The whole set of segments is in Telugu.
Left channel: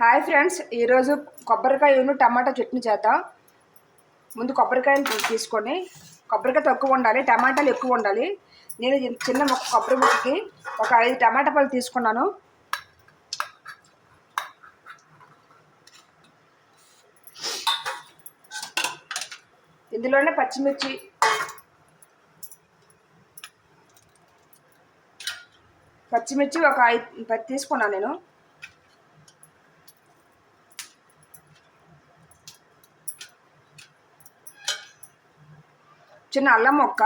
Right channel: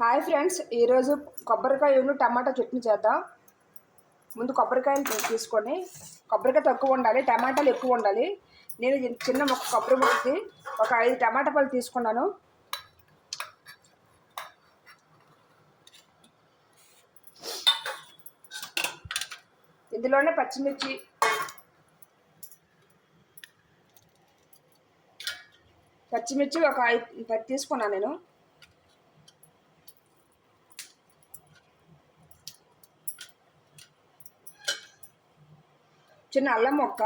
హాయ్ ఫ్రెండ్స్, ఈరోజు కొబ్బరికాయను టమాటా చట్నీ చేద్దాం. ముందు కొబ్బరికాయలు తీసుకొని, కొబ్బరికాయ తక్కువ ఉండాలి, టమాటాలు ఎక్కువ ఉండాలి. నేను చిన్న మొక్క కొబ్బరి ముక్కకి ఒక 5 టమాటా పళ్ళు తీసుకున్నాను. ఇందులోనే పచ్చిమిర్చి, ఒక 10 తీసుకున్నాను నేను. చిన్న అల్లం ముక్క,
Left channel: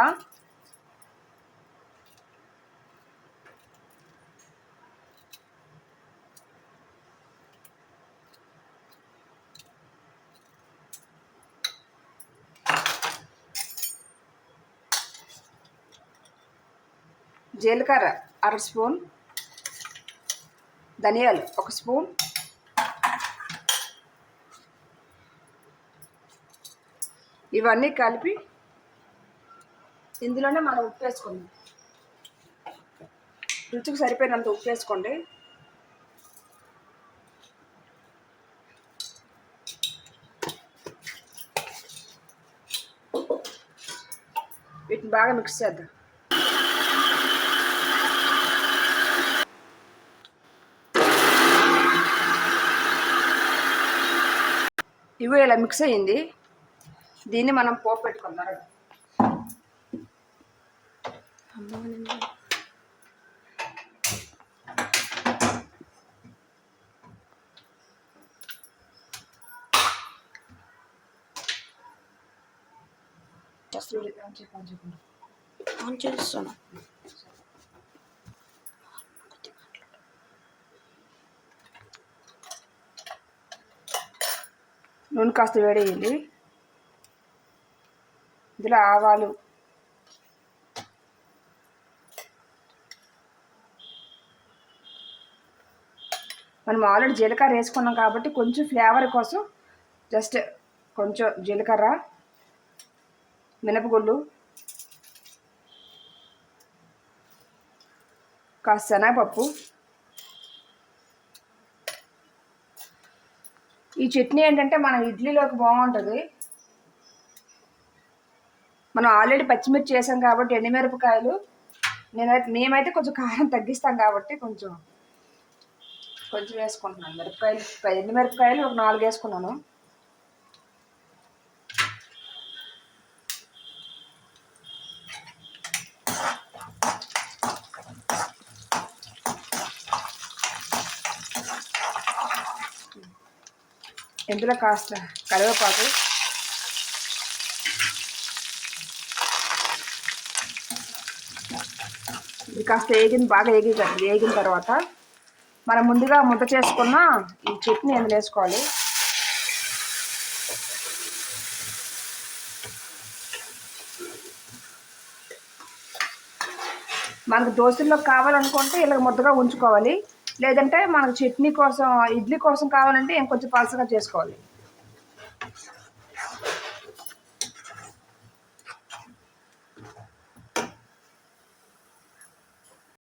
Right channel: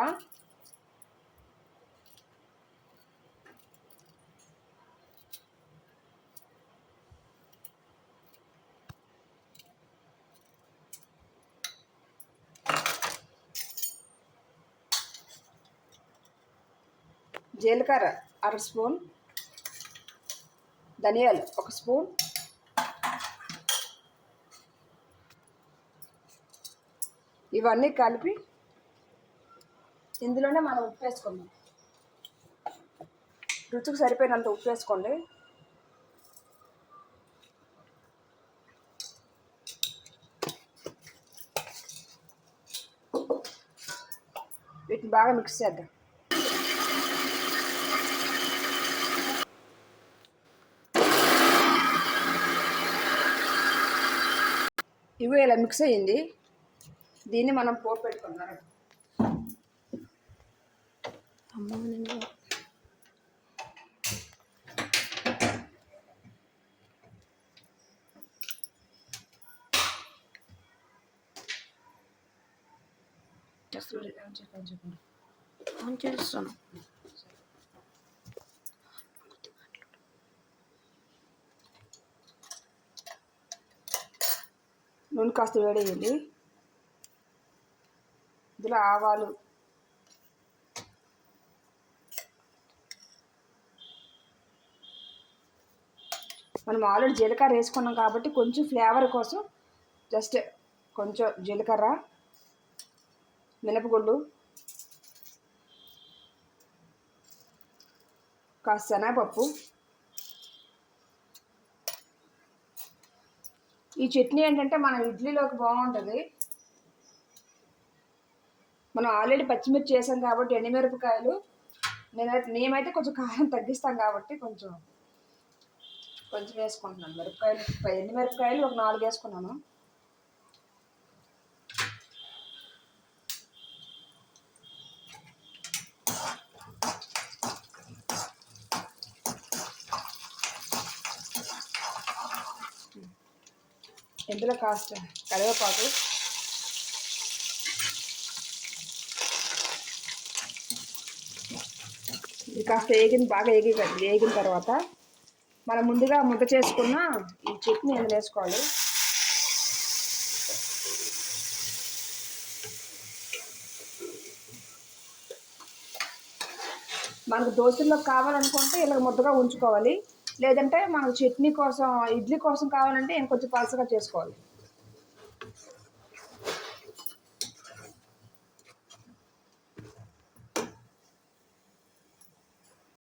జీలకర్ర 1/2 స్పూన్, ధనియాలు 1 స్పూన్, ఇవన్నీ కలిపి ఇందులోనే మనం ఉప్పు వేసుకుందాం. రుచికి సరిపోయినంత ఉప్పు వేసుకోండి. వీటిని బాగా మిక్స్ చేద్దాం. ఇవి ఇలా మిక్స్ అయ్యింది. దీన్ని మనం పోపు పెట్టుకుందాం. ఆన్ చేస్తాను. నూనె కాస్త వేడేయండి. ఇందులో ఆవాలు, మనం ఆల్రెడీ జీలకర్ర వేసుకున్నాం కాబట్టి కొంచెం ఫ్లేవర్ కోసం జస్ట్ కొంచెం జీలకర్ర, మినపగుళ్ళు, కాస్త శనగపప్పు. ఈ చట్నీ ఏంటంటే మనం ఇడ్లీలోకి బాగుంటుంది. మనం ఆల్రెడీ పచ్చిమిర్చి వేసాం కాబట్టి ఎండుమిరపకాయలు, మేమైతే కొంచెం కారం తగ్గిస్తాం కాబట్టి కొంచెం వేసుకుంటున్నాను. ఎండుమిరపకాయలు ఒక 4 వేసుకున్నాను. ఇందులో కాస్త కరివేపాకు, ఇది కాస్త బాగా వేగిన తర్వాత మనం ముందుగా ముద్ద చేసుకున్న ఈ చట్నీ ఎందులో వేసుకోవాలి. మనకు దోశల్లో కావాలనుకుంటే ఇలా ముద్దగా ఉంచుకోవాలి. లేదంటే మనకు చట్నీ కోసం, ఇడ్లీ కోసం కావాలంటే ఇంకొంచెం పలసగా చేసుకోవాలి.